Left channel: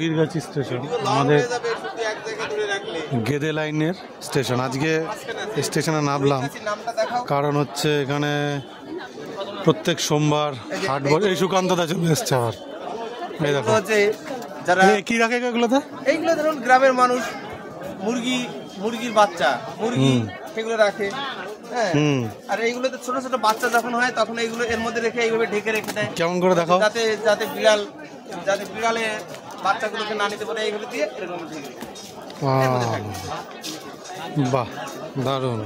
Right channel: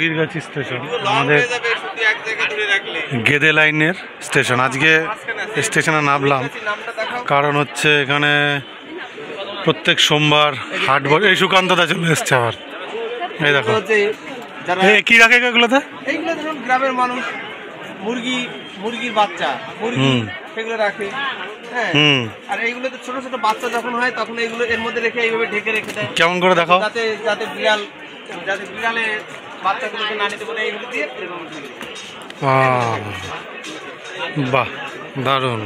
Bahirgachhi station আমাদের গেদে লাইনের station. আজকে স্টেশনে নামলাম কারণ হচ্ছে এখানে প্রত্যেক সোমবার হাট বসে। এই সুকান্ত দা চলে এসছে আবার। এই দেখো কি রাখে এগুলোতে? এইগুলো ধরুন গ্রামের মানুষ মুরগির বাচ্চা সেগুলো রাখে। হ্যাঁ, আর এইগুলোতে ছোট ছোট বাচ্চা যখন হয় তখন এইগুলো এর মধ্যে রেখে এইভাবে ঢেকে রেখে দেয়। কেমন করে দেখাও? যাতে বিড়ালে বাচ্চাগুলোকে না নিতে পারে এইগুলো দিয়ে এরকম। বাহ, দারুণ।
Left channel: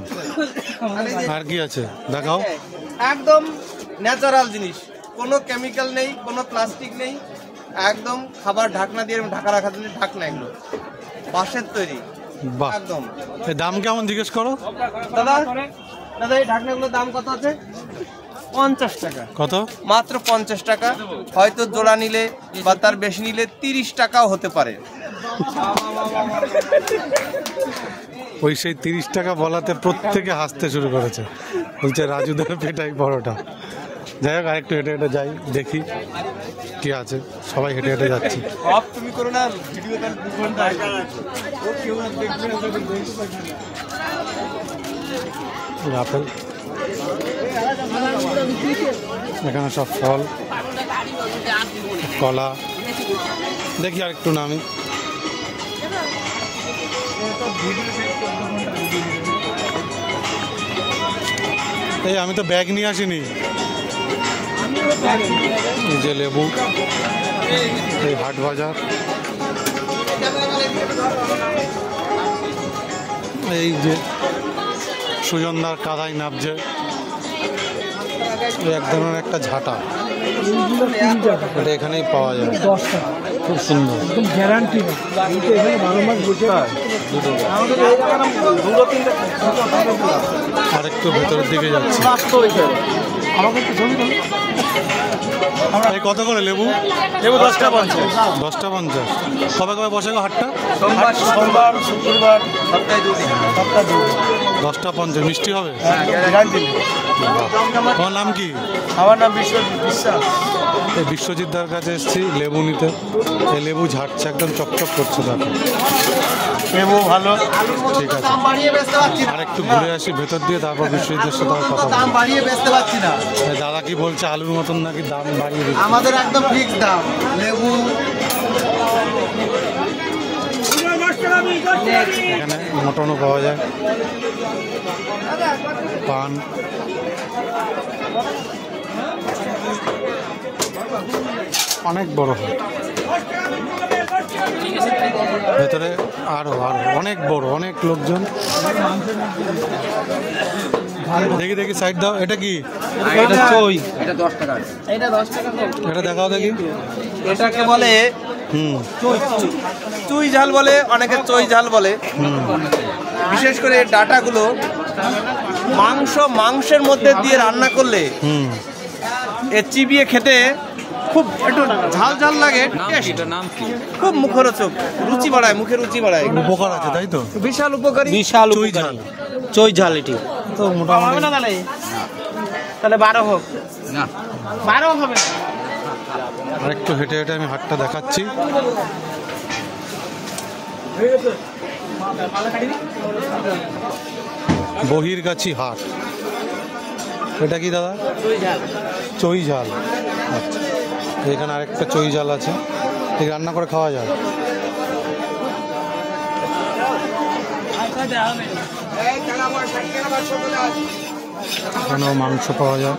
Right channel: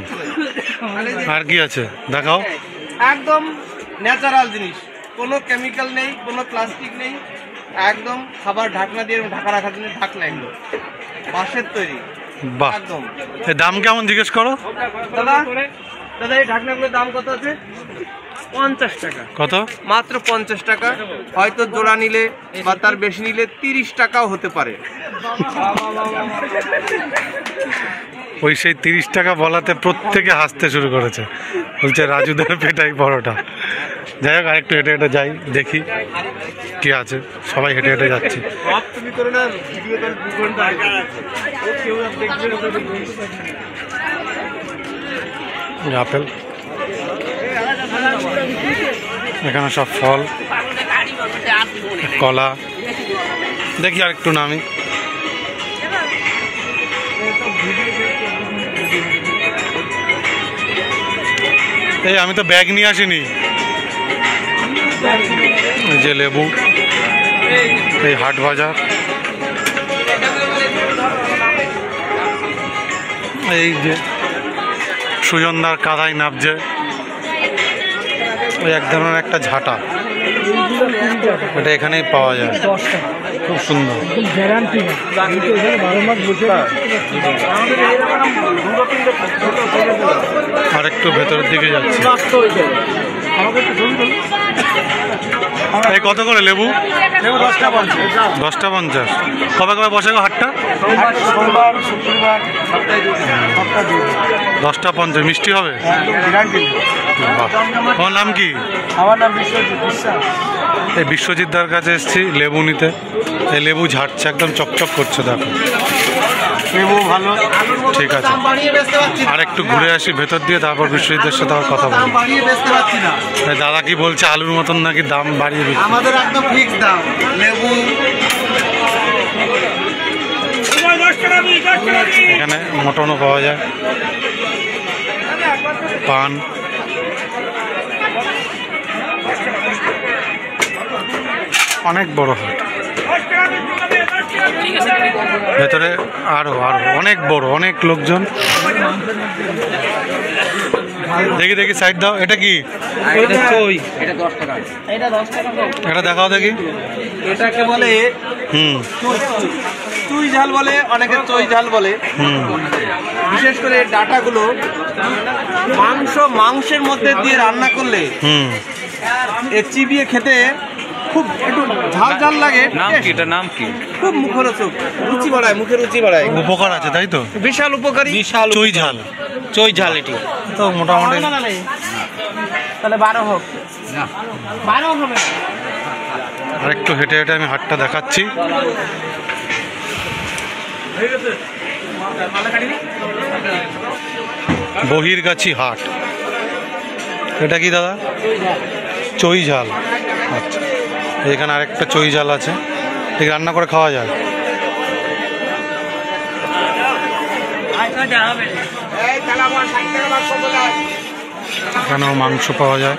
আর কি আছে দেখাও? একদম ন্যাচারাল জিনিস, কোনো কেমিক্যাল নেই, কোনো প্লাস্টিক নেই, একদম খাবার ঢাকনা দিয়ে ঢাকা রাখার জন্য ঢাকনা, এগুলো বাঁশের তৈরি। বাহ, একদম। দাম কেমন জিজ্ঞেস করো দাদা। এই ঢাকনাগুলোর দাম কত আছে? 50 টাকা। কত? মাত্র 50 টাকা। হয়তো জোড়া নিলে বা তার বেশি নিলে 30 টাকাও হতে পারে। ওই সেই 30 টাকা বলাতে প্রত্যেকে হাসতে শুরু করেছে, বলছে রাজুদের পেটাই পরোটা। যাই হোক, আরেকটু হেঁটে হেঁটে যাই, দেখি কি আছে। সবাই হেঁটে হেঁটে যাচ্ছি। আপেল, এখানে সব ফল, কলা। দেখি আর একটু নামি। এই আমি তো ব্যাগ নিয়ে আসিনি। এই যে লেবু, এই হাট বাজার, এই যে সুজনদার কাদায় নাবছে, ওই এক ধরনের একটা ঝাঁটা, এটা এখানেই পাওয়া যায়। খুব সুন্দর, গ্যারান্টি। আর একটু ভেতরের দিকে যাচ্ছি। এই কত করে লেবু? 10টা 50। 10টা 50। কবে কবে বসে গো হাটটা? সোমবার, শুক্রবার, 10টা 50। মিষ্টি হবে? বাহ। তোমার নাম কি? আমার নাম বিশ্বজিৎ বিশ্বাস। এই বিশ্বজিৎদার কাছে এসেছি লেবু নিতে। এই লেবু ঝাড়ছে, একদম চকচক করছে, দেখো। লেবু ভালো। ঠিক আছে, আর একটু ঘুরে আসি ভেতর দিয়ে, তারপর বিশ্বজিৎদের সাথে আমার কথা বলবো। বাড়িয়ে বেচতে পারছি না। দাদা কি বলছে, আলুর মতন নাকি দাম বাড়িয়ে দিচ্ছে? আমাদের একদম ফিক্স দাম। লেবু এখানে মটনও পাওয়া যায়, পান। অনেক বড় হাট, ভেতরে আরো অনেক বড়, অনেক লোকজন। দেখি দেখি, সাইড দাও। এটা কি? এটা দেখাও দেখি। এটাকে বলে চুই ঝাল বলে, অনেকে চই ঝাল বলে। বিশেষ করে ডাটাগুলো মাংসের মধ্যে দিয়ে রান্না করলে চিবিয়ে খেতে খুব একটু ঝাল ঝাল লাগে। নাম কি? খুব মুখরোচক, রুচি বাড়ায়, মুখের রুচি বাড়ায়। উপকার আছে, তাই তো? বিশাল উপকারী। চই ঝাল, চই ঝাল এটি তো মোটামুটি। তাহলে 12 হোক। 12 হবে। আর একটু হেঁটে হেঁটে আমি হাটটা দেখাচ্ছি। বহিরগাছি হাট। এটা কি দাদা? চই ঝাল। আচ্ছা, এখানে আরেকটা চই ঝাল আছে, ঠিক রান্না করে খাওয়া যায়। এখানেও মাংস পাওয়া যায়।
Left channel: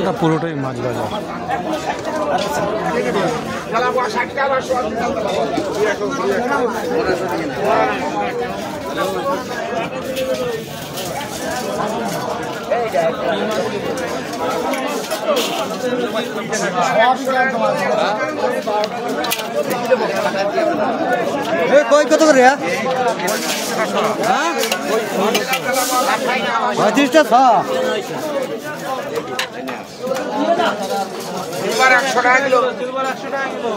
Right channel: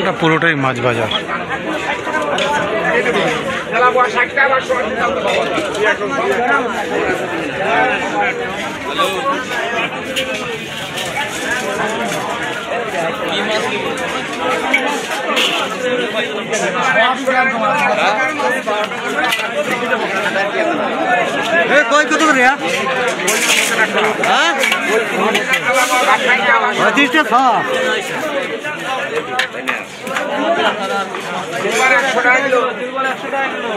এটা পুরোটাই মাছ বাজার। কই কত করে? হ্যাঁ 25 টাকা। সিলভার 100 টাকা কিলো। সিলভার 100 টাকা কিলো।